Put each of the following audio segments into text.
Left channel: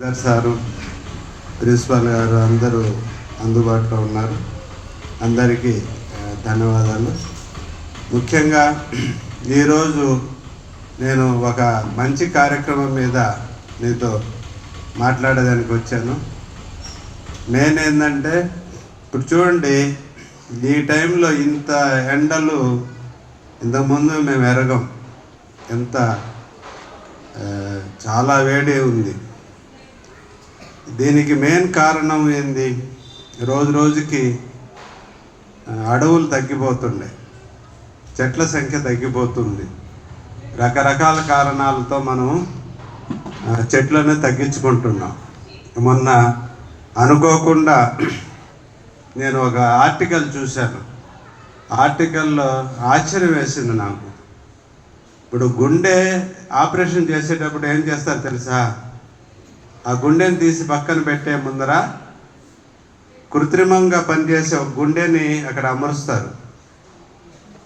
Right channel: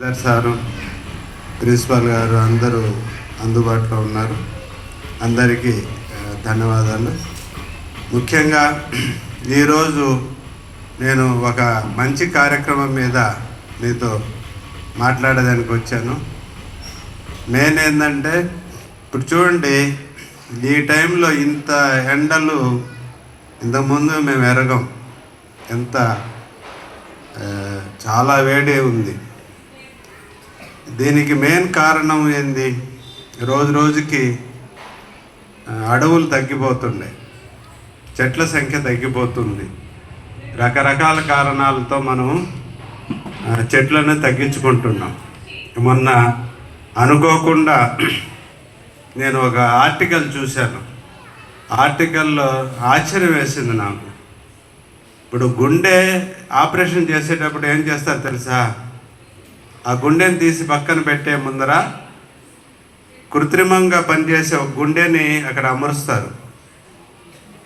Sir, principal గారు అందరూ అందుబాటులో ఉన్నారు. అందరికీ ధన్యవాదాలు. ముఖ్యంగా ఈరోజు నేను ఒక మంచి కార్యక్రమం మీద మీతో మాట్లాడడానికి వచ్చాను. మెయిన్ ఏంటంటే, ఇప్పుడు చూడండి, ఈ టైంలో ఇంత ఎండలు ఇంతకుముందు మేము ఎరగం. ఎంత చాలా వేడి ఉంది. దీనికి మెయిన్ కారణం ఏంది? రోజు రోజుకి అడవులు తగ్గిపోతున్నాయి, చెట్ల సంఖ్య తగ్గిపోతుంది. రకరకాల కారణాలతో మనం చెట్లను తగ్గించుకుంటున్నాం. మొన్న అనుకోకుండా నేను ఒక ఆర్టికల్ చూశాను. ఆర్టికల్లో ఆశ్చర్యం వేసింది నాకు. ఇప్పుడు గుండె ఆపరేషన్ చేసేటప్పుడు ఏం చేస్తారు తెలుసా? ఆ గుండెని తీసి పక్కన పెట్టే ముందర కృత్రిమంగా పనిచేసే ఒక గుండెని అక్కడ అమరుస్తారు.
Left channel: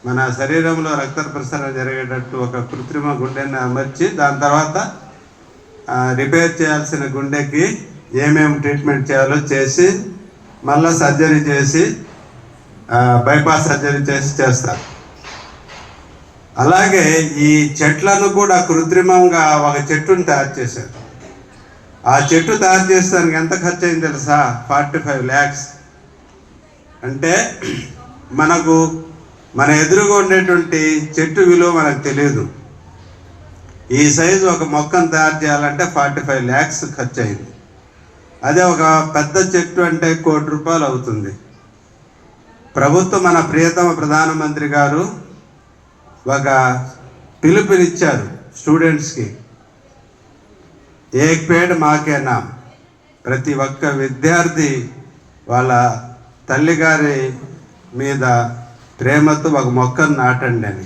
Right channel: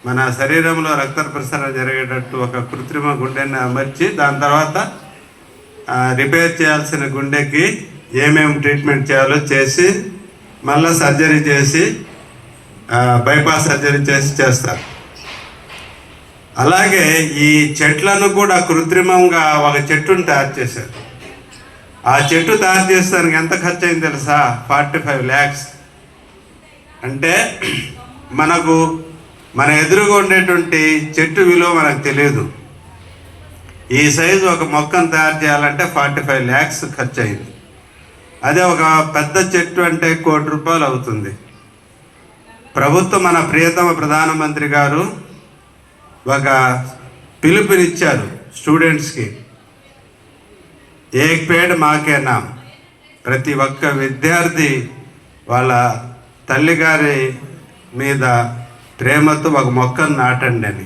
మన శరీరంలో రక్త ప్రసరణ జరిగేటట్టు ఒక కృత్రిమ గుండెని అమర్చి దాని తర్వాత రిపేర్ చేయాల్సిన గుండెకి ఏమేమి ట్రీట్మెంట్ చేయాలో చేసి మళ్ళీ సర్జరీ చేసి బైపాస్ సర్జరీ చేస్తారు. అలాగే ఈ చెట్లను కూడా కృత్రిమంగా ఒక చెట్టును తయారు చేశారు. ఆ చెట్టు తయారు చేస్తానికి ఎంత ఖర్చు అయింది తెలుసా? 45 lakhs. అంటే మన ఎదురుగా ఉండేటువంటి చెట్టు విలువ మనకు తెలియదు. ఈ సైజు ఒక మొక్కను తయారు చేయాలంటే 45 lakhs ఖర్చు అయింది. అదే ఒక పెద్ద చెట్టు అంటే 1 కోటి రూపాయలు అవుతుంది. ప్రభుత్వం, మన ప్రియతమ ప్రధానమంత్రి గారు ఒక పిలుపునిచ్చారు స్టూడెంట్స్కి. ఏక్ పేడ్ మాకే నామ్. ప్రతి ఒక్క విద్యార్థి వాళ్ళ తల్లిగారి మీద ప్రేమతో ఒక మొక్కను నాటండి అని.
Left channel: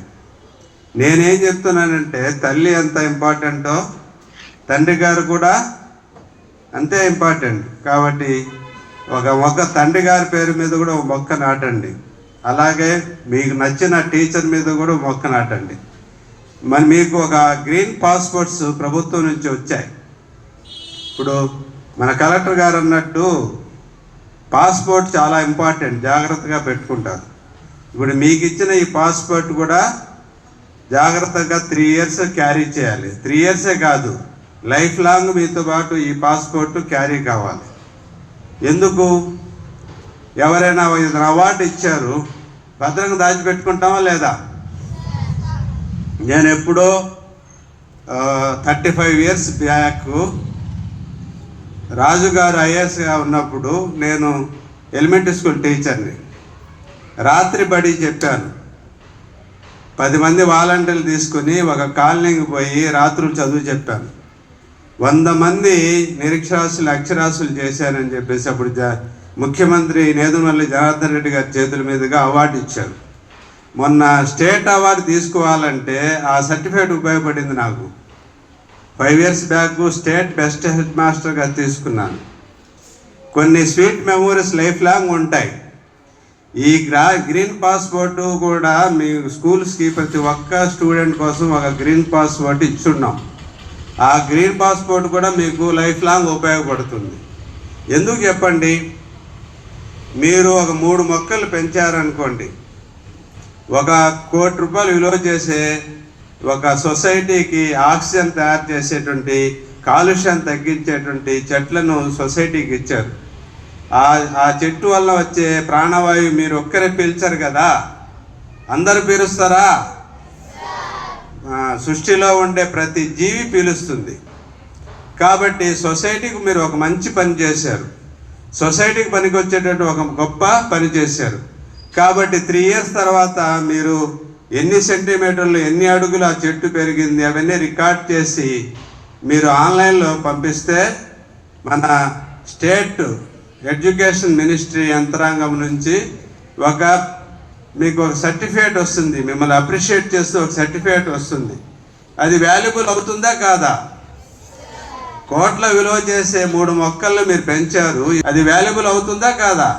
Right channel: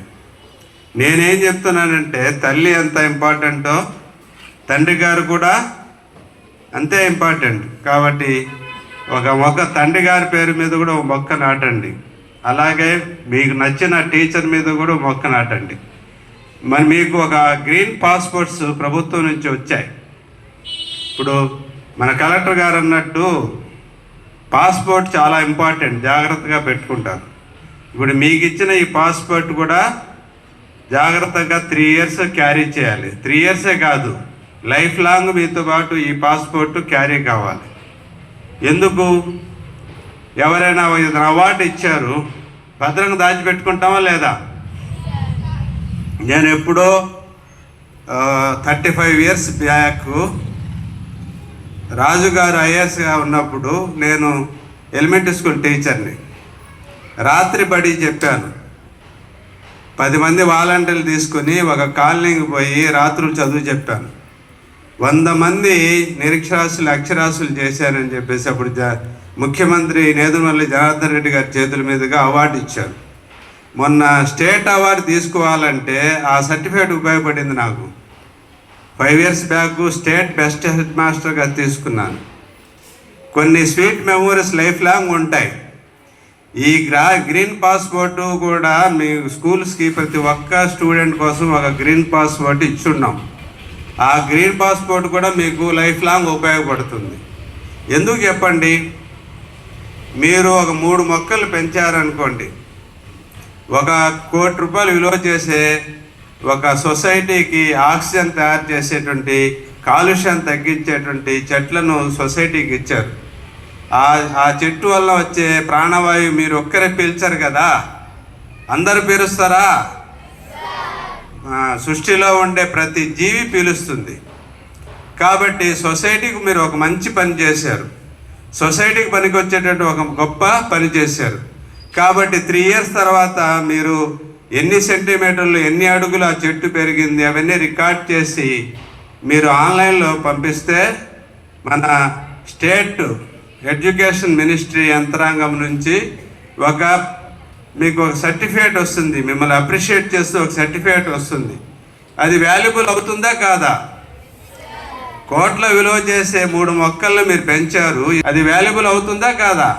నేనేం చెప్తున్నానంటే, తల్లి ఎంత ఇంపార్టెంటో తండ్రి గారు కూడా అంతే ఇంపార్టెంట్. కాబట్టి ఒక మొక్క తండ్రి గారి పేరు మీద కూడా ఒక మొక్క నాటండి. అలాగే మీకు నచ్చిన టీచర్ మీద కూడా మొక్క నాటండి. మరి మీకు ఒక గ్రీన్ పాస్పోర్ట్స్ ప్రభుత్వం నుంచి వచ్చాయి. ఇప్పుడు మన కలెక్టర్ గారు అన్నట్టు పాస్పోర్ట్ చాలా ఇంపార్టెంట్, జాగ్రత్తగా పెట్టుకుంటారు. ఇప్పుడు మీకు ఇచ్చిన ఈ పాస్పోర్ట్ కూడా జాగ్రత్తగా 3 years క్యారీ చేయాలి. 3 years కాదు, లైఫ్ లాంగ్ మీతో పాటు ఈ పాస్పోర్ట్ క్యారీ కావాలి. ఎందుకు? ఎవరైనా అవార్డు ఇచ్చారు, భద్రంగా దాచిపెట్టుకుంటామా లేదా? నేను ఎప్పుడో 35 years బ్యాక్ రాజుగారు ఐఏఎస్గా ఉన్నప్పుడు నేను ఎలిమెంటరీ స్కూల్ టీచర్ని. రాత్రి బడి చెప్పాను. 10 మంది వాలంటీర్లు తీసుకుని ఒక కాలనీకి పోయి రాత్రులు చదువు చెప్పాను. 100 మంది నిరక్షరాస్యులు అక్షరాస్యులు చేశానని చెప్పేసి అప్పుడు ముఖ్యమంత్రి నేదురుమల్లి జనార్దన్ రెడ్డి గారి చేతుల మీదుగా అవార్డు ఇచ్చారు. మొన్న స్టేట్ అవార్డు తీసుకోవాలంటే ఆ సర్టిఫికేట్ ఉపయోగపడింది నాకు. 5 years back state best head మాస్టర్గా తీసుకున్నాను. కొన్ని స్వీట్ మెమోరీస్ లైఫ్ లాంగ్ ఉంటాయి. ఈ గ్రీన్ పాస్పోర్ట్ కూడా మీ స్కూల్స్కి ప్రతి ఒక్క స్టూడెంట్ కోసం ఒక గ్రీన్ పాస్పోర్ట్ ఇచ్చున్నాం. ఆ గ్రీన్ పాస్పోర్ట్ కూడా మీకు లైఫ్ లాంగ్ ఉపయోగపడుతుంది. ఎందుకు చెప్పండి? మీరు ఒక 3 మొక్కలు పెంచారనుకోండి, 1 కోటి రూపాయలు విలువ చేసే ఒక సొసైటీకి ఆక్సిజన్ తయారు చేసేటువంటి, కాలుష్యం తగ్గించేటువంటి చెట్లను సొసైటీకి ఇచ్చారు. ఆ చెట్టు వల్ల వచ్చే ప్రాణవాయువు మీరు ఒక్కరే పీల్చరు కదా, అందరూ పీలుస్తారా? సృష్టిలో ఉండే ప్రతి జీవి పీలుస్తుంది. కాబట్టి సొసైటీకి మీరు ఒక మంచి పని చేశారు. సొసైటీకి పనికి వచ్చేటట్టు ఒక గొప్ప పని చేశారు. కాబట్టి 3 years తర్వాత మీరు ఎన్ని సెంటీమీటర్లు, ఎన్ని అడుగులు ఆ చెట్టు పెరిగింది అవన్నీ రికార్డ్ చేసి మీరు ఆన్లైన్లో పంపిస్తే మన స్టేట్ ఎడ్యుకేషన్ మినిస్ట్రీ యంత్రాంగం నుంచి మీకు ఒక సర్టిఫికేట్ వస్తుంది. మిమ్మల్ని అప్రిషియేట్ చేస్తూ ఒక సర్టిఫికేట్ వస్తుంది. అది వాల్యుబుల్ అవుతుందా కాదా? కోట్ల విలువ చేసే 3 మొక్కలను మీరు పెంచారు, అది వాల్యుబుల్ అవుతుందా కాదా?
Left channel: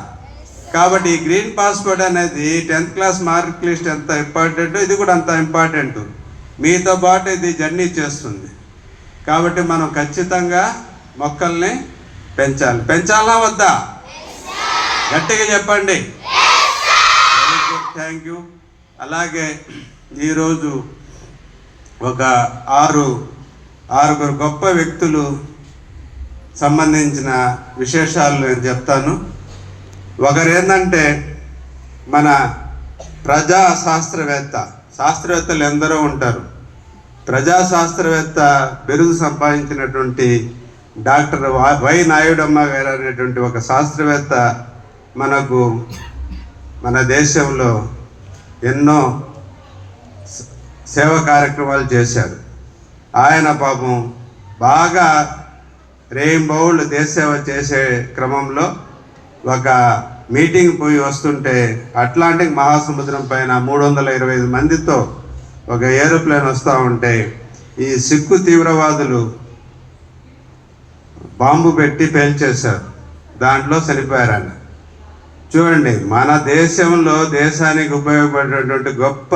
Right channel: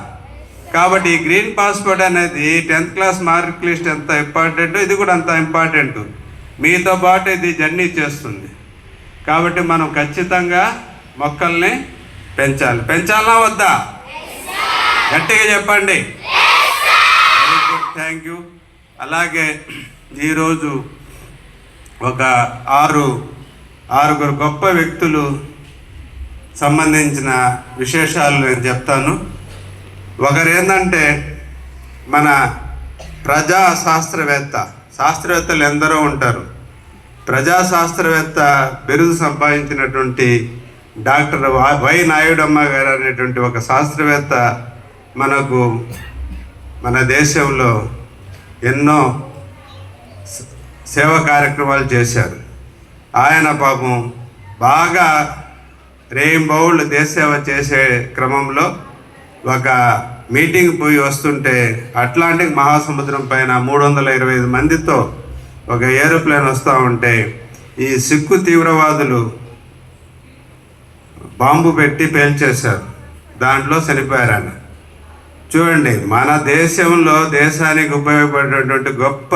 కాబట్టి ఈ గ్రీన్ పాస్పోర్ట్ అనేది 10th class మార్క్ లిస్ట్ ఎంత ఇంపార్టెంట్, ఇది కూడా అంత ఇంపార్టెంట్. మీతో పాటు ఇది జర్నీ చేస్తుంది. కాబట్టి మనం ఖచ్చితంగా మొక్కల్ని పెంచాలి. పెంచాలా వద్దా? గట్టిగా చెప్పండి. Very good, thank you. అలాగే ఈరోజు ఒక ఆరుగురు గొప్ప వ్యక్తులు సంబంధించిన విశేషాలు నేను చెప్తాను. ఒకరు ఏంటంటే మన శాస్త్రవేత్తలు ఎందరో ఉంటారు. ప్రజాశాస్త్రవేత్త బిరుదు సంపాదించినటువంటి డాక్టర్ వై నాయుడమ్మ గారు అనేటువంటి ఒక శాస్త్రవేత్త మనకు మన దేశంలో ఎన్నో సేవా కార్యక్రమాలు చేశారు. ఆయన పాపం బాగా రేయింబౌళ్ళు దేశ సేవ చేసే క్రమంలో ఒక మీటింగ్ పోయి వస్తుంటే అట్లాంటిక్ మహాసముద్రం పైన 325 మందితో ఒక ఏరోప్లేన్ వస్తూ ఉంటే ఈ సిక్కు తీవ్రవాదులు బాంబు పెట్టి పేల్చేశారు. దాంట్లో చనిపోయారు ఆయన. చూడండి, మన దేశంలో దేశానికి ఉపయోగపడేటువంటి గొప్ప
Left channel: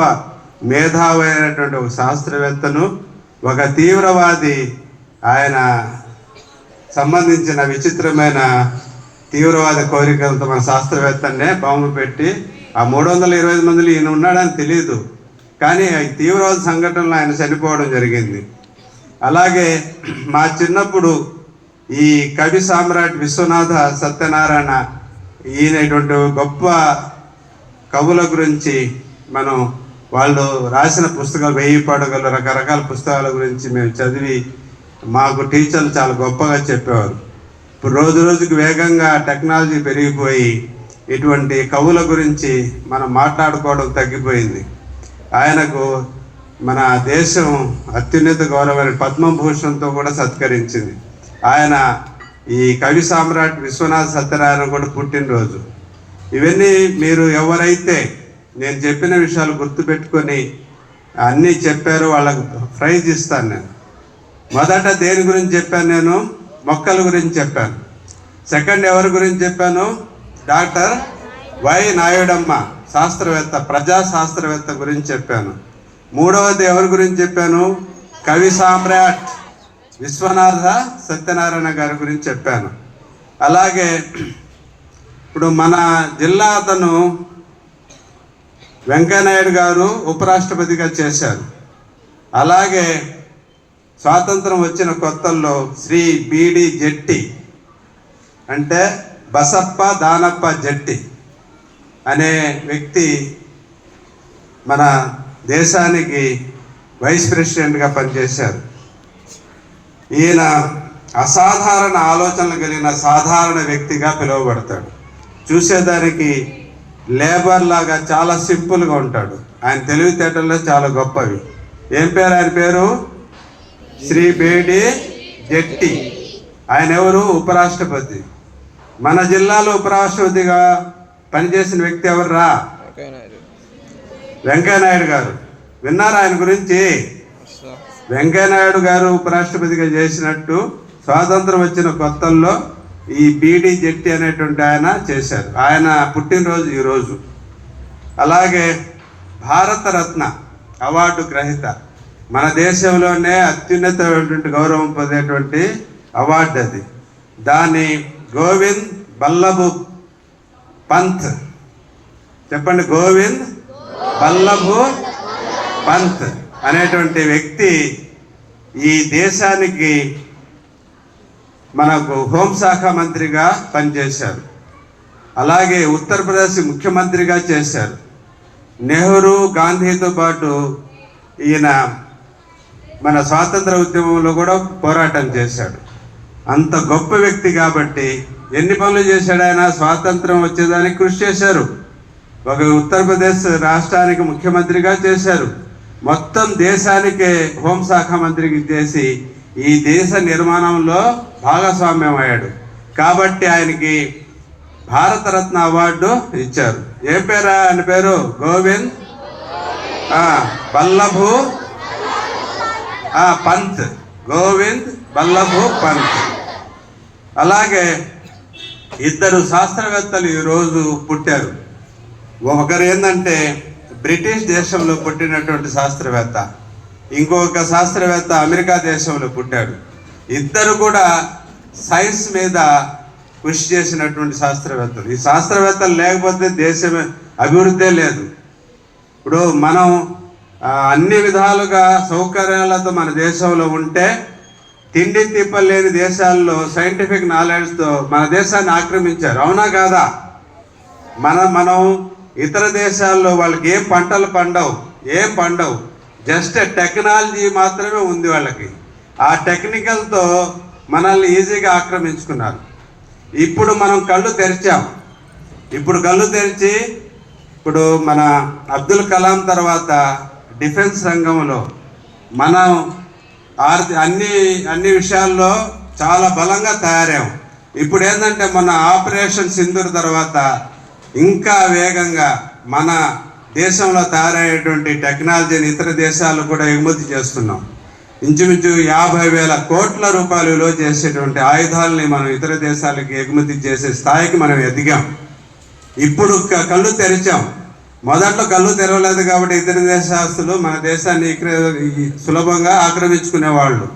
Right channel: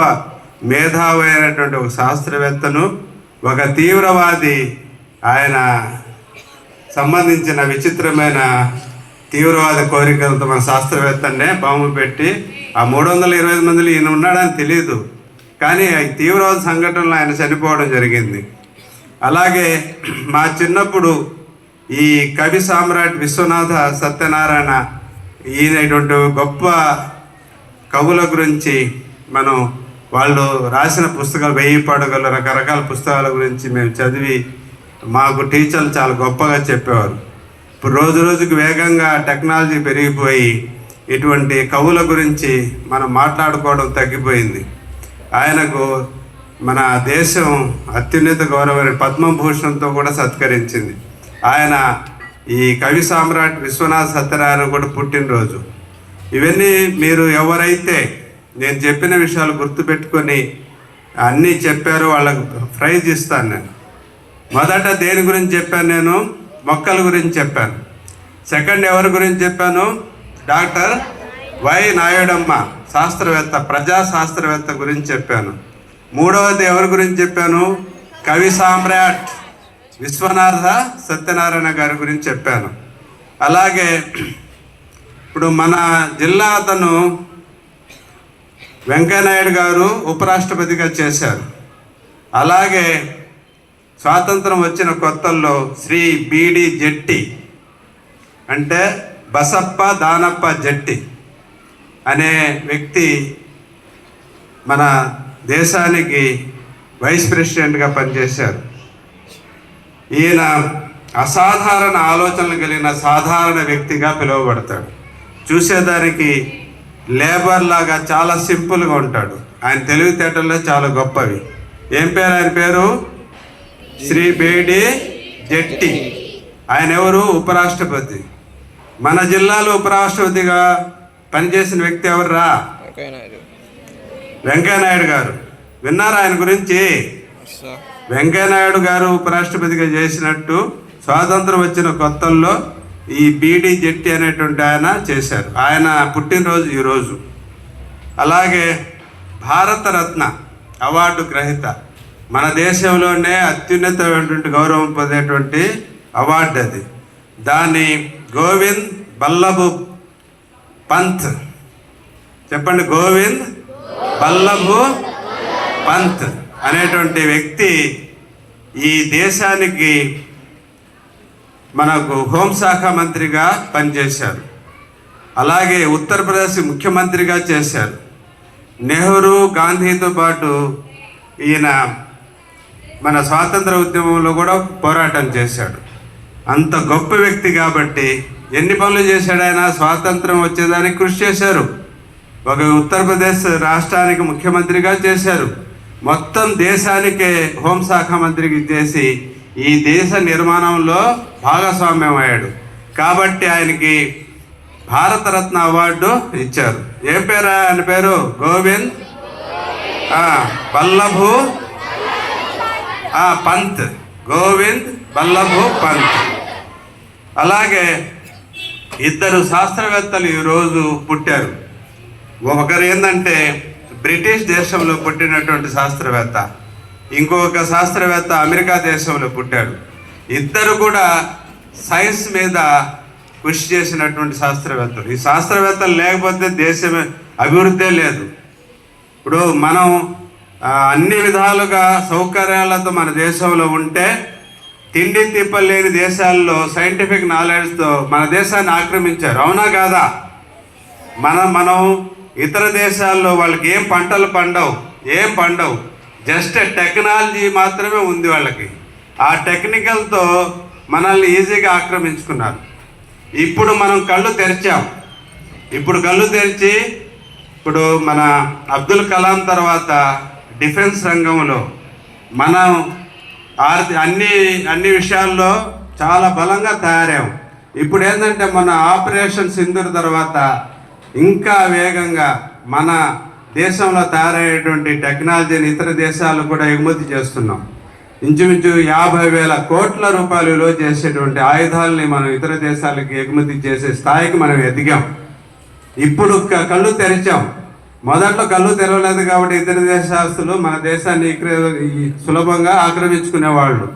మేధావి అయినటువంటి ఒక శాస్త్రవేత్తను ఒక తీవ్రవాది ఆయన సంబంధించిన విచిత్రమైన తీవ్రవాద కోరికలతో మన శాస్త్రవేత్తనే బాంబు పెట్టి ఆ 325 మందిలో ఈయన ఉన్నాడని తెలియదు, కానీ ఈ తీవ్రవాద సంఘటనలో ఆయన చనిపోవడం జరిగింది. అలాగే మా చిన్నప్పుడు ఈ కవి సామ్రాట్ విశ్వనాథ సత్యనారాయణ ఈయనటువంటి గొప్ప కవుల గురించి మనం వాళ్ళు రాసిన పుస్తకాలు 1000 పడగలు రకరకాల పుస్తకాల గురించి మేము చదివి మాకు టీచర్లు చాలా గొప్పగా చెప్పేవారు. ఇప్పుడు రోజు రోజుకి వేగంగా టెక్నాలజీ పెరిగిపోయి ఇటువంటి కవుల గురించి మనం మాట్లాడుకోవడం తగ్గిపోయింది. ఆయనకు మన దేశం అత్యున్నత గౌరవమైన పద్మభూషణ్తో కూడా సత్కరించింది. ఆయన ఈ కవి సామ్రాట్ విశ్వనాథ సత్యనారాయణ కూడా పుట్టినరోజు. ఇవన్నీ మీరు ఎవరైతే నేను చెప్పిన విషయాలు గుర్తుపెట్టుకొని అన్నీ చెప్పారో వాళ్ళకు ప్రైజ్ ఇస్తాను. నేను మొదట దేని గురించి చెప్పాను? నేను మొక్కల గురించి చెప్పాను. సెకండ్ ఎవరి గురించి చెప్పాను? డాక్టర్ వై నాయుడమ్మ శాస్త్రవేత్త, ప్రజాశాస్త్రవేత్త గురించి చెప్పాను. మూడవది ఎవరి గురించి చెప్పాను? కవి సామ్రాట్ విశ్వనాథ సత్యనారాయణ గారి గురించి చెప్పాను. అలాగే ఇప్పుడు మన జిల్లా అతను వెంకయ్యనాయుడు గారు ఉపరాష్ట్రపతిగా చేశారు. అలాగే స్వాతంత్రం వచ్చిన కొత్తల్లో శ్రీ బీడి జెట్టి అంటే బసప్ప దానప్ప జట్టి అనే వ్యక్తి మన దేశానికి వైస్ ప్రెసిడెంట్గా పనిచేశారు. ఈయన అసాధారణ ఆలోచనలు కలిగిన సాధారణ వ్యక్తిగా పిలువబడతాడు. చూసేదానికి లేబర్ లాగా చాలా సింపుల్గా ఉంటాడు. ఆయన తెలివితేటల్లో చాలా గొప్పవి. ఏం పేరు ఆయన పేరు? శ్రీ బేడి జట్టి. ఆయన ఎవరు? ఉపరాష్ట్రపతి. మన జిల్లాలో ఉపరాష్ట్రపతిగా పనిచేసిన వ్యక్తి ఎవర్రా? వెంకయ్యనాయుడు గారు. విన్నారా ఆయన గురించి? వెంకయ్యనాయుడు గారు ఉపరాష్ట్రపతిగా చేసినట్టు స్వాతంత్రం వచ్చిన కొత్తల్లో ఈ బీడి జట్టి అనేటువంటి ఆయన చేశారు. ఆయన పుట్టినరోజు ఈరోజు. అలాగే భారతరత్న అవార్డు గ్రహీత, మన దేశంలోనే అత్యున్నతమైనటువంటి గౌరవం పొందేటువంటి అవార్డు అది. దాన్ని గోవింద్ బల్లభ్ పంత్, చెప్పండి, గోవింద్ బల్లభ్ పంత్ అనేటువంటి వ్యక్తి ఈ దేశానికి మనకు హోంశాఖ మంత్రిగా పనిచేశారు. అలాగే ఉత్తరప్రదేశ్ ముఖ్యమంత్రిగా చేశారు. నెహ్రూ గాంధీతో పాటు ఈయన మన స్వాతంత్ర ఉద్యమంలో కూడా పోరాటం చేశాడు. అంత గొప్ప వ్యక్తి కాబట్టి ఎన్ని పనులు చేశాడు ఆయన? స్వాతంత్రం వచ్చేదానికి కృషి చేశారు. ఒక ఉత్తరప్రదేశ్ రాష్ట్రానికి ముఖ్యమంత్రిగా చేశారు. మొత్తం దేశానికే హోంశాఖ మంత్రికి చేసి ఈ దేశ నిర్మాణంలో భాగస్వామ్యం అయ్యాడు. కాబట్టి ఆయనకి భారతరత్న అవార్డు ఇచ్చారు. ఏం పేరు ఆయన పేరు? గోవింద్ బల్లభ్ పంత్. గోవింద్ బల్లభ్ పంత్. అలాగే ఇద్దరు శాస్త్రవేత్తలు ఈరోజు పుట్టారు. ఒకరు ఏంటంటే బ్రిటిష్ దేశంలో పుట్టినటువంటి శాస్త్రవేత్త, ఇంకొక శాస్త్రవేత్త అమెరికా దేశంలో పుట్టాడు. ఇద్దరు కూడా సైన్స్ మీద కృషి చేసినటువంటి శాస్త్రవేత్తలు. ఈ శాస్త్రవేత్తలు లేకపోతే దేశం అభివృద్ధే లేదు. ఇప్పుడు మనం అన్ని విధాలుగా సౌకర్యాలతో మన దేశంలో ఉంటే తిండి తిప్పలేని దేశాల్లో సైంటిఫిక్ నాలెడ్జ్తో మన దేశాన్ని ఆక్రమించారు. అవునా కాదా? మనం ఇతర దేశాల్లో వాళ్ళకి ఏం పంటలు పండవు, జస్ట్ టెక్నాలజీ మాత్రమే ఉంది వాళ్ళకి. ఆ టెక్నికల్తో మనల్ని ఈజీగా ఆక్రమించుకున్నారు. ఇప్పుడు మనం కళ్ళు తెరిచాం. కళ్ళు తెరిచి ఇప్పుడు మన అబ్దుల్ కలాం తర్వాత డిఫెన్స్ రంగంలో మనం అన్ని విషయాల్లో చాలా బలంగా తయారాము. ఇప్పుడు ఏంటంటే మన ఆపరేషన్ సింధూర్ తర్వాత ఇంకా వేగంగా మన దేశంలో తయారయ్యేటువంటి టెక్నాలజీని ఇతర దేశాలు కూడా ఎగుమతి చేస్తున్నాం. ఇంచుమించు 50,000 కోట్ల రూపాయలు విలువ చేసేటువంటి ఆయుధాలని మనం ఇతర దేశాలకి ఎగుమతి చేసే స్థాయికి మనం ఎదిగాం. ఇప్పుడు కళ్ళు తెరిచాం. మొదట్లో కళ్ళు తెరవలేదు కాబట్టి ఇతర దేశస్తులు మన దేశాన్ని సులభంగా ఆక్రమించుకునేవాళ్ళు.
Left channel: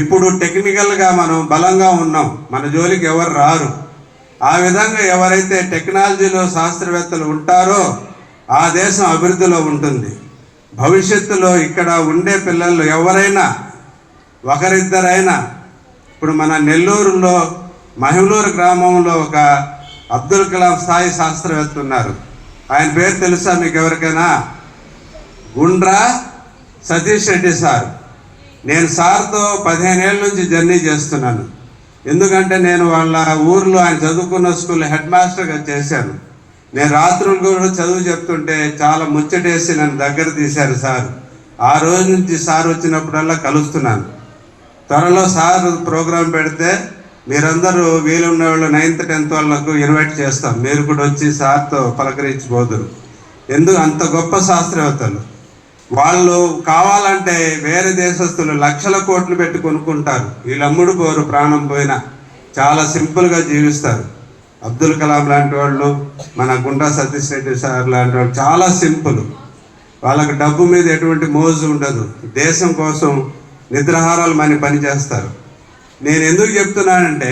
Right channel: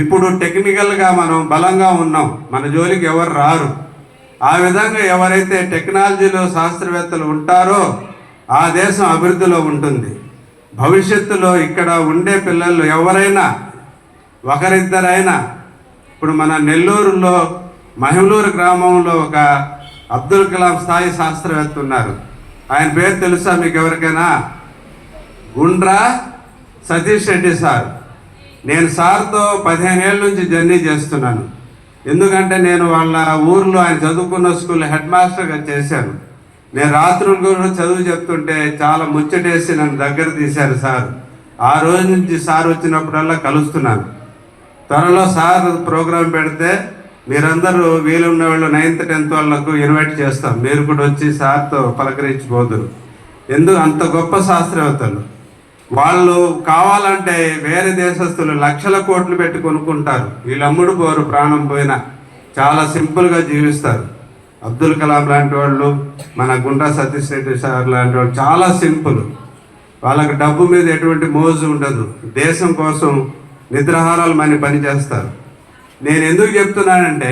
ఇప్పుడు టెక్నికల్గా మనం బలంగా ఉన్నాం, మన జోలికి ఎవరు రారు. ఆ విధంగా ఎవరైతే టెక్నాలజీలో శాస్త్రవేత్తలు ఉంటారో ఆ దేశం అభివృద్ధిలో ఉంటుంది. భవిష్యత్తులో ఇక్కడ ఉండే పిల్లలు ఎవరైనా ఒకరిద్దరైనా, ఇప్పుడు మన నెల్లూరులో మహిళూరు గ్రామంలో ఒక అబ్దుల్ కలాం స్థాయి శాస్త్రవేత్త ఉన్నారు. ఆయన పేరు తెలుసా మీకు ఎవరికైనా? గుండ్రా సతీష్ రెడ్డి సార్. నేను సార్తో 15 ఏళ్ళ నుంచి జర్నీ చేస్తున్నాను. ఎందుకంటే నేను వాళ్ళ ఊర్లో ఆయన చదువుకున్న స్కూల్ హెడ్ మాస్టర్గా చేశాను. నేను రాత్రులు కూడా చదువు చెప్తుంటే చాలా ముచ్చటేసి నన్ను దగ్గర తీశారు సార్. ఆ రోజు నుంచి సార్ వచ్చినప్పుడల్లా కలుస్తున్నాను. త్వరలో సార్ ప్రోగ్రాం పెడితే మీరందరూ వీలున్న వాళ్ళు 9th 10th వాళ్ళకు ఇన్వైట్ చేస్తాం. మీరు కూడా వచ్చి సార్తో పలకరించిపోదురు. అంత గొప్ప శాస్త్రవేత్తలు వాళ్ళు. కావాలంటే వేరే దేశస్తులు లక్షల కోట్లు పెట్టి కొనుక్కుంటారు. వీళ్ళు అమ్ముడు పోరు, ప్రాణం పోయినా చాలా సింపుల్గా జీవిస్తారు. అబ్దుల్ కలాం లాంటి వాళ్ళు, మన గుండా సతీష్ రెడ్డి సార్ లాంటి వాళ్ళు చాలా సింపుల్. వాళ్ళకి డబ్బు మీద ఎటువంటి మోజు ఉండదు. దేశం కోసం నిద్రాహారాలు పని చేస్తారు. నేను ఎందుకు చెప్తున్నానంటే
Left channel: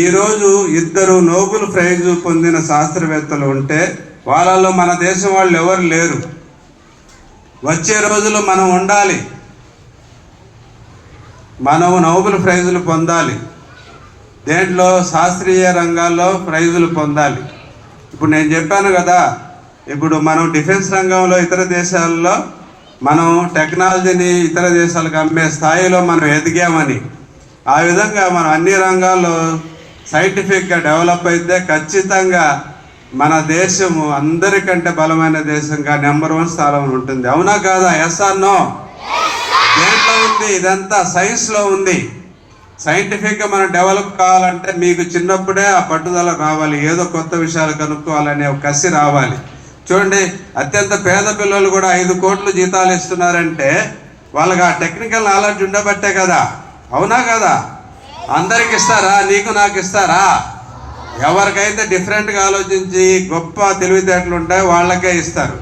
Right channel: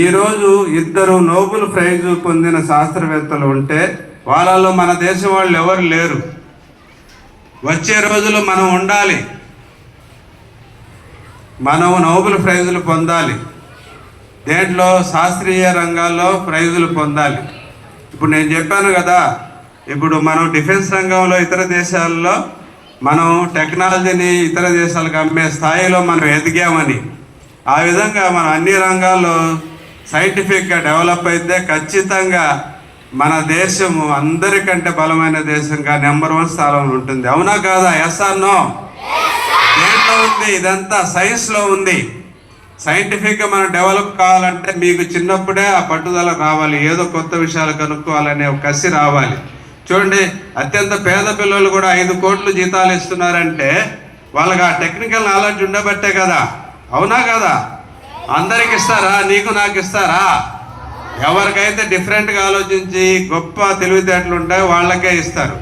ఈరోజు 2 నోబెల్ ప్రైజ్ పొందిన శాస్త్రవేత్తలు ఉంటే వాళ్ళలో మన దేశం వాళ్ళు ఎవరు లేరు. వచ్చే రోజులు మనం ఉండాలి, మనం నోబెల్ ప్రైజులు పొందాలి. దేంట్లో? శాస్త్రీయ రంగాల్లో ప్రైజులు పొందాలి. ఇప్పుడు నేను చెప్పాను కదా, ఇప్పుడు మనం డిఫెన్స్ రంగంలో ఇతర దేశాల్లో మనం టెక్నాలజీని ఇతర దేశాలకు అమ్మే స్థాయిలో మనం ఎదిగామని. ఆ విధంగా మనం అన్ని రంగాల్లో సైంటిఫిక్గా డెవలప్ అయితే ఖచ్చితంగా మన దేశము అందరికంటే బలమైన దేశంగా నెంబర్ 1 స్థానంలో ఉంటుంది. అవునా కాదా? Yes or no? దేంట్లో ఉంది? ఇదంతా సైన్స్లో ఉంది. సైంటిఫిక్గా మనం డెవలప్ కావాలంటే మీకు చిన్నప్పుడే ఆ పట్టుదల రావాలి, ఏదో కొత్త విషయాలు కనుక్కోవాలనే ఒక కసి రావాలి. చూడండి, అత్యంత పేద పిల్లలు కూడా 5 కోట్లు జీతాలు ఇస్తున్నారంటే వాళ్ళకి ఆ టెక్నికల్ నాలెడ్జ్ ఉండబట్టే కదా. అవునా కదా? అందరికి ఇస్తారా? నీకు నాకు ఇస్తారా? ఎవరికైతే డిఫరెంట్గా ఆలోచించి గొప్ప తెలివితేటలు ఉంటాయో వాళ్ళకే ఇస్తారు.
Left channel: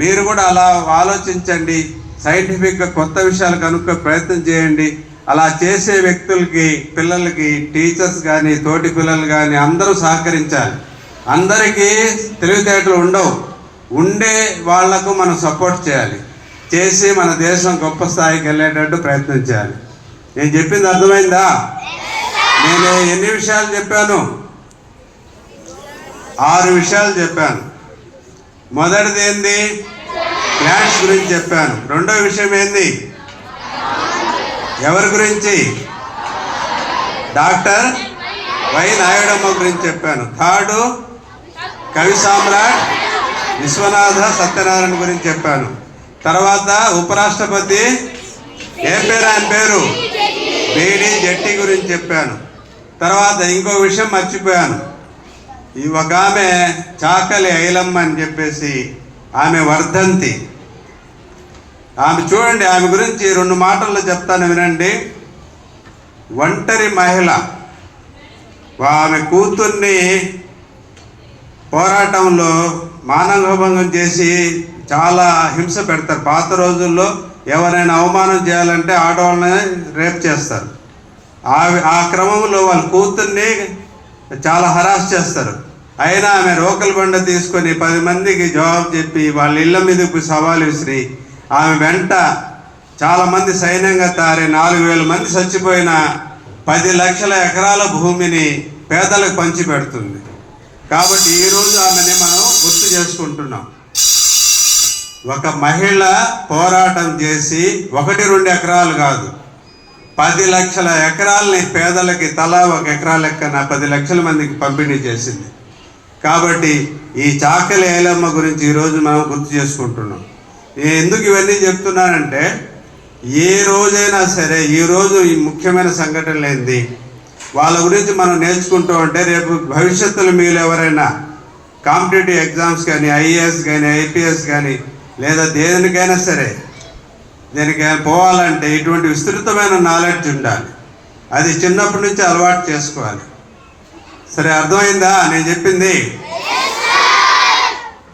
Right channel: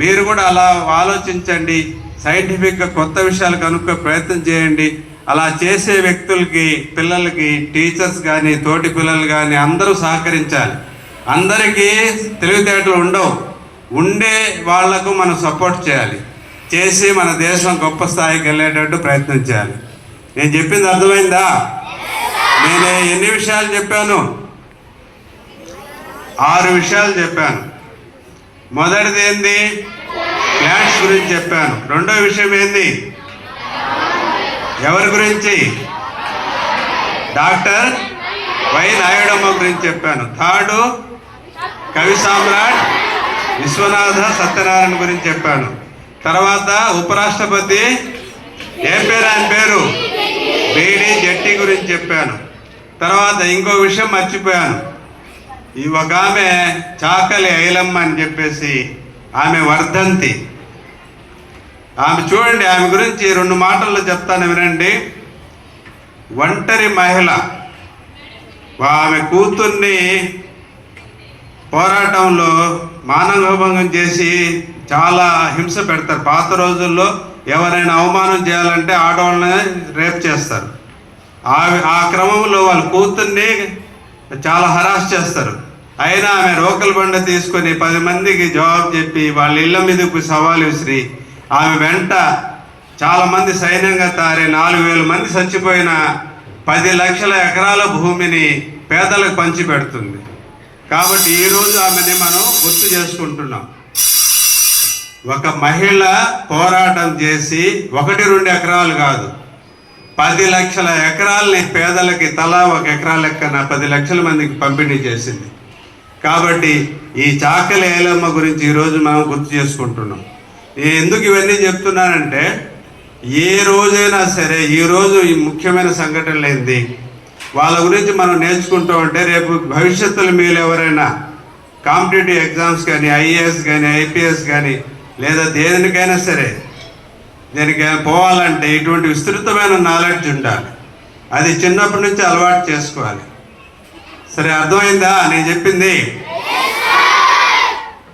మీరు కూడా అలా ఆలోచించండి, సైంటిఫిక్గా కొత్త విషయాలు కనుక్కో ప్రయత్నం చేయండి. అలా చేసే వ్యక్తులకి, పిల్లలకి, టీచర్స్ కానీ, తోటి పిల్లలు కానీ అందరూ సహకరించాలి. అందరికీ తెలివితేటలు ఉండవు, ఉండే వాళ్లకు మనం సపోర్ట్ చేసి మన దేశం గొప్ప స్థాయికి వెళ్ళేటట్టు ప్రయత్నం చేయాలి. నేను చెప్పింది అర్థమైందా? నేను ఎన్ని విషయాలు చెప్పాను? 6 విషయాలు చెప్పాను. మొదటిది ఏంది? ప్లాంట్స్ గురించి చెప్పాను. రెండో విషయం ఏంది? ఎవరి గురించి? డాక్టర్ వై నాయుడమ్మ గురించి చెప్పాను. థర్డ్ కవి సామ్రాట్ విశ్వనాథ సత్యనారాయణ గురించి చెప్పాను. తర్వాత ఉపరాష్ట్రపతి ఏం పేరు? ఆయన పేరు బీడి జట్టి గురించి చెప్పాను. తర్వాత ఇంకో విషయం మర్చిపోయాను. ఒక ఆమె చాకలి ఐలమ్మ అని చెప్పేసి ఆమె వర్ధంతి. ఆమె చూడండి, ఆమె గురించి 2 మాటల్లో చెప్తాను, వినండి. ఒంటరి మహిళ. ఆమె కూతుర్ని పోరాటంలో మానవభంగం చేసి చాలా హింస పెడతారు. పాత రోజుల్లో ఎవరైనా అవమానం చేయాలంటే ఆడవాళ్ళని రేప్ చేస్తారు. ఆ క్రమంలో వాళ్ళ కూతుర్ని చాలా హరాస్ చేస్తారు. అయినా ఆమె రోకల్ బండ తీసుకొని 10 మందికి జవాబు చెప్పి వాళ్ళ ఇళ్ళ మీదకు సవాలు విసిరి ఆమె వెంట చాలామంది సైన్యంగా తారే 4,000 మంది చచ్చిపోయిన 10 లక్షల ఎకరాల భూమిని పేదలకు పంచిపెడుతుంది. కాబట్టి ఈరోజు ఆమెని మనం గుర్తు చేసుకుంటున్నాం. ఒక మహిళ పోరాటం చేసి 1-2 ఎకరాలు కాదు, 10 లక్షల ఎకరాలని పేదలకి తలా 1 ఎకరా లెక్కన 10 లక్షల మందికి పంపిణీ చేసింది. కాబట్టి ఈ చాకలి ఐలమ్మ గురించి ఈరోజు మనం గుర్తు చేసుకుంటున్నాం. ఎందుకు ఇవన్నీ చెప్తున్నానంటే, ఏ రోజైనా సరే ఈరోజు ఈ ముఖ్యమైన సంఘటనలు ఏంది వాళ్ళ గురించి మనం నేర్చుకుంటూ ఉంటే రేపు భవిష్యత్తులో మీరు ఎవరైనా కాంపిటేటివ్ ఎగ్జామ్స్ కానీ, ఐఏఎస్ కానీ, ఐపీఎస్ కానీ, లేదా దేనికైనా సరే దేనికైనా పోవాలంటే ఇటువంటి విస్తృతమైన నాలెడ్జ్ ఉండాలి. అది చిన్నప్పటి నుంచి అలవాటు చేసుకోవాలి. సరే, అర్థమైందా నేను చెప్పింది?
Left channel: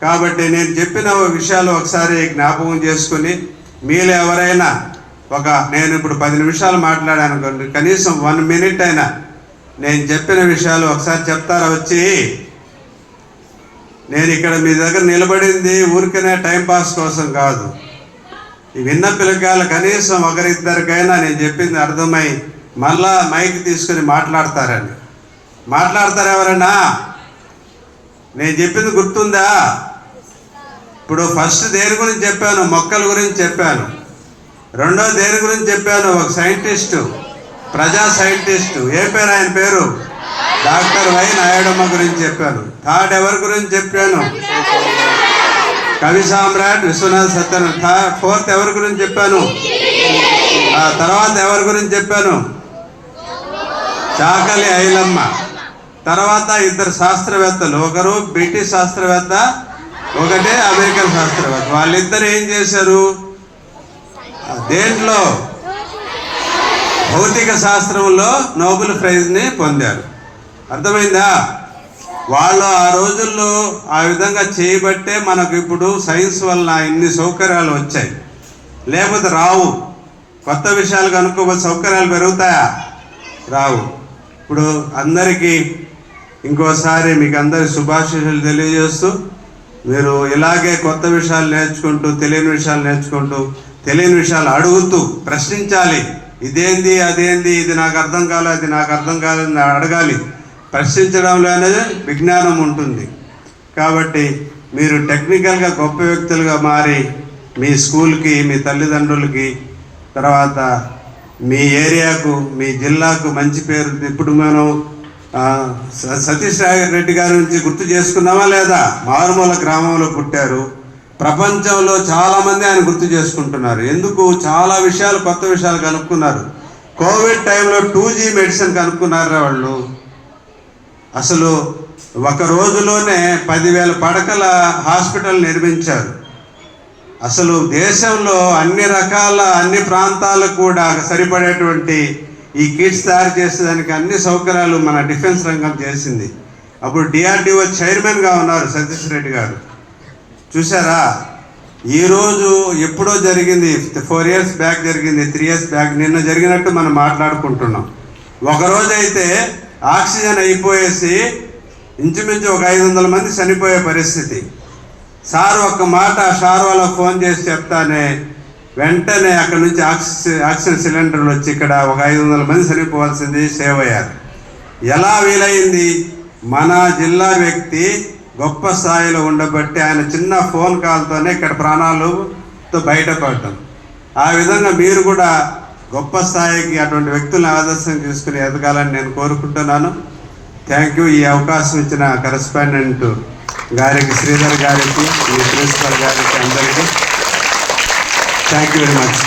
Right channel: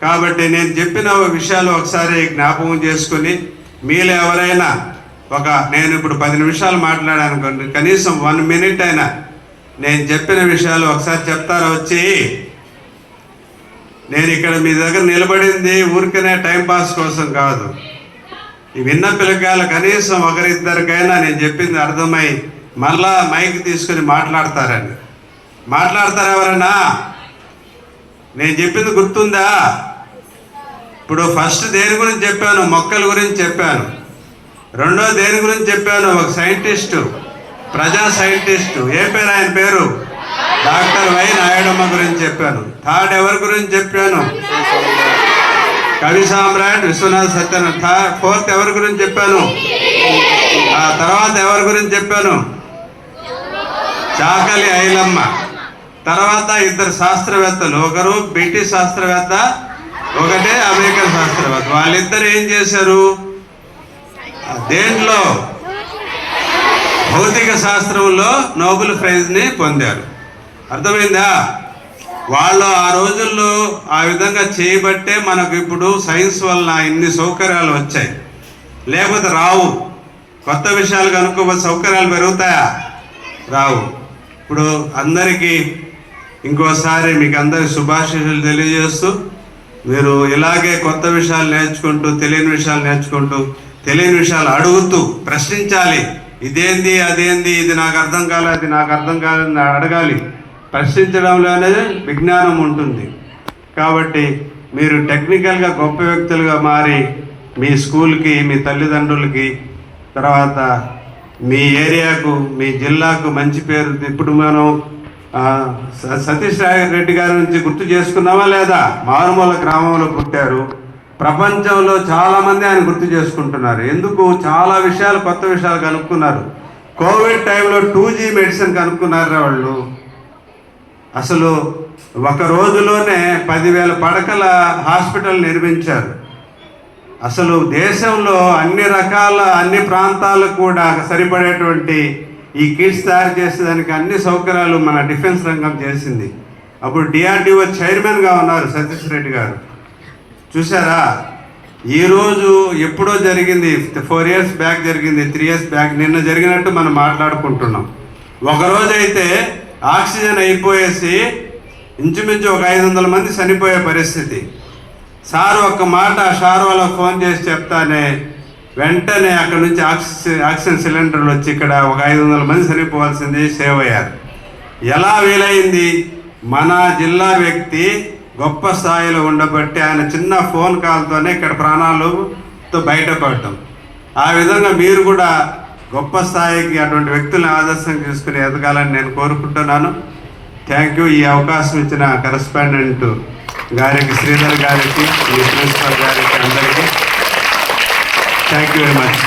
కాబట్టి నేను చెప్పిన విషయాలు ఒకసారి జ్ఞాపకం చేసుకుని మీలో ఎవరైనా నేను ఇప్పుడు 10 నిమిషాలు మాట్లాడాను, కనీసం 1 మినిట్ అయినా నేను చెప్పిన విషయాలు ఒకసారి చెప్తారా వచ్చి? నేను ఇక్కడ మీ దగ్గర నిలబడింది ఊరికనే టైంపాస్ కోసం కాదు. ఈ విన్న పిల్లకాయలు కనీసం ఒకరిద్దరికైనా నేను చెప్పింది అర్థమై మళ్ళా మైక్ తీసుకుని మాట్లాడతారని. మాట్లాడతారు ఎవరన్నా? నేను చెప్పింది గుర్తుందా? ఇప్పుడు ఫస్ట్ దేని గురించి చెప్పాను? మొక్కల గురించి చెప్పాను. రెండో దేని గురించి చెప్పాను? ఒక సైంటిస్టు, ప్రజా సైంటిస్టు, ఏ పేరు ఆయన పేరు? డాక్టర్ వై నాయుడమ్మ గురించి చెప్పాను. థర్డ్ ఎవరి గురించి చెప్పాను? కవి సామ్రాట్ విశ్వనాథ సత్యనారాయణ. ఫోర్త్ ఎవరి గురించి చెప్పాను? ఆ తర్వాత ఎవరి గురించి చెప్పాను? చాకలి ఐలమ్మ. తర్వాత 2 శాస్త్రవేత్తలు, ఒకరు బ్రిటిష్ శాస్త్రవేత్త, ఒకటే అమెరికన్ శాస్త్రవేత్త. వాళ్ళిద్దరు ఏం చేశారు? దేంట్లో? భౌతిక శాస్త్రంలో నోబెల్ ప్రైజ్ని పొందారు. అర్థమైందా? వాళ్ళు ఆ రోజుల్లో ఆ విధంగా చేయబట్టే మనకు ఇప్పుడు సైన్స్ వల్ల ఇన్ని సౌకర్యాలు వచ్చాయి. లేకపోతే రావు. కొత్త విషయాలు కనుక్కోకపోతే సౌకర్యాలు పెరుగుతాయా? రావు. ఇప్పుడు అందరికీ ఇంకోసారి మీకు అందరికి శుభాశీస్సులు తెలియజేస్తూ, మీరు ఇలాగే కొత్త విషయాలు నేర్చుకుంటూ, తెలియని విషయాలు నేర్చుకుంటూ, తెలియని విషయాలు అడుగుతూ ప్రశ్నించాలి. ఇదేంది, అదేంది, ఇది నాకు అర్థం కాలేదు, అది నాకు అర్థం కాలేదని అడగాలి. ప్రశ్నించడంలోనే విజ్ఞానం ఉంటుంది. కాబట్టి మీరు టెక్నికల్గా గొప్ప వ్యక్తులుగా మారి మీ స్కూల్కి, మీ తల్లిదండ్రులకి, తర్వాత మీ ఏరియాకు, మీ జిల్లాకు మంచి పేరు. ఇప్పుడు మనం సతీష్ రెడ్డి గారి నుంచి గుర్తు చేసుకున్నామా లేదా? మారుమూల గ్రామంలో పుట్టారు. ప్రపంచంలో చాలామంది ఆయన గుర్తు చేసుకుంటున్నారు. ఎందుకు? చాలా విషయాలు, కొత్త విషయాలు కనుక్కున్నారు. కోవిడ్ టైంలో 2G మెడిసిన్ కనుక్కున్నారు వాళ్ళు. అసలు ఒక రోజులోనే 10,000 పడకల హాస్పిటల్ నిర్మించారు. అసలు దేశంలో అన్ని ప్రాంతాలకు కూడా సరిపడేటువంటి ఈ కిట్స్ తయారు చేసేదానికి అన్ని సౌకర్యాలు మన డిఫెన్స్ రంగం చేసింది. అప్పుడు DRDO చైర్మన్గా ఉన్నారు సతీష్ రెడ్డి గారు. చూసారా? ఈరోజు ఎప్పుడో జరిగింది, 4 years బ్యాక్ జరిగింది, 3 years బ్యాక్, నిన్న జరిగినట్టు మనం మాట్లాడుకుంటున్నాం. ఒకరోజైతే ఆక్సిజన్ అయిపోయేసి ఇంచుమించు ఒక 500 మంది చనిపోయే పరిస్థితి. సార్ ఒక్క మాట వాళ్ళకు ఫోన్ చేసి చెప్తానే వెంటనే అక్కడ నుంచి ఆక్సిజన్ సిలిండర్లు వచ్చి ఇక్కడ ఒక 500 మంది చనిపోవాల్సింది సేవ్ అయ్యారు. ఎలా వీలైంది? మన జిల్లా వ్యక్తి గొప్ప స్థాయిలో ఉండబట్టి ఆయన చిన్న ఫోన్ కాల్తోనే ఇక్కడ ప్రాణాలతో బయటపడటం. ఆ విధంగా మీరు కూడా గొప్ప స్థాయికి అటువంటి వ్యక్తులను ఆదర్శం తీసుకుని ఎదగాలని నేను కోరుకుంటున్నాను. Thank you. ఈ అవకాశం ఇచ్చిన కరెస్పాండెంట్ గారికి, శ్రీధర్ గారికి, ఈ ప్రిన్సిపల్ గారికి, అందరికీ థ్యాంక్ యూ వెరీ మచ్.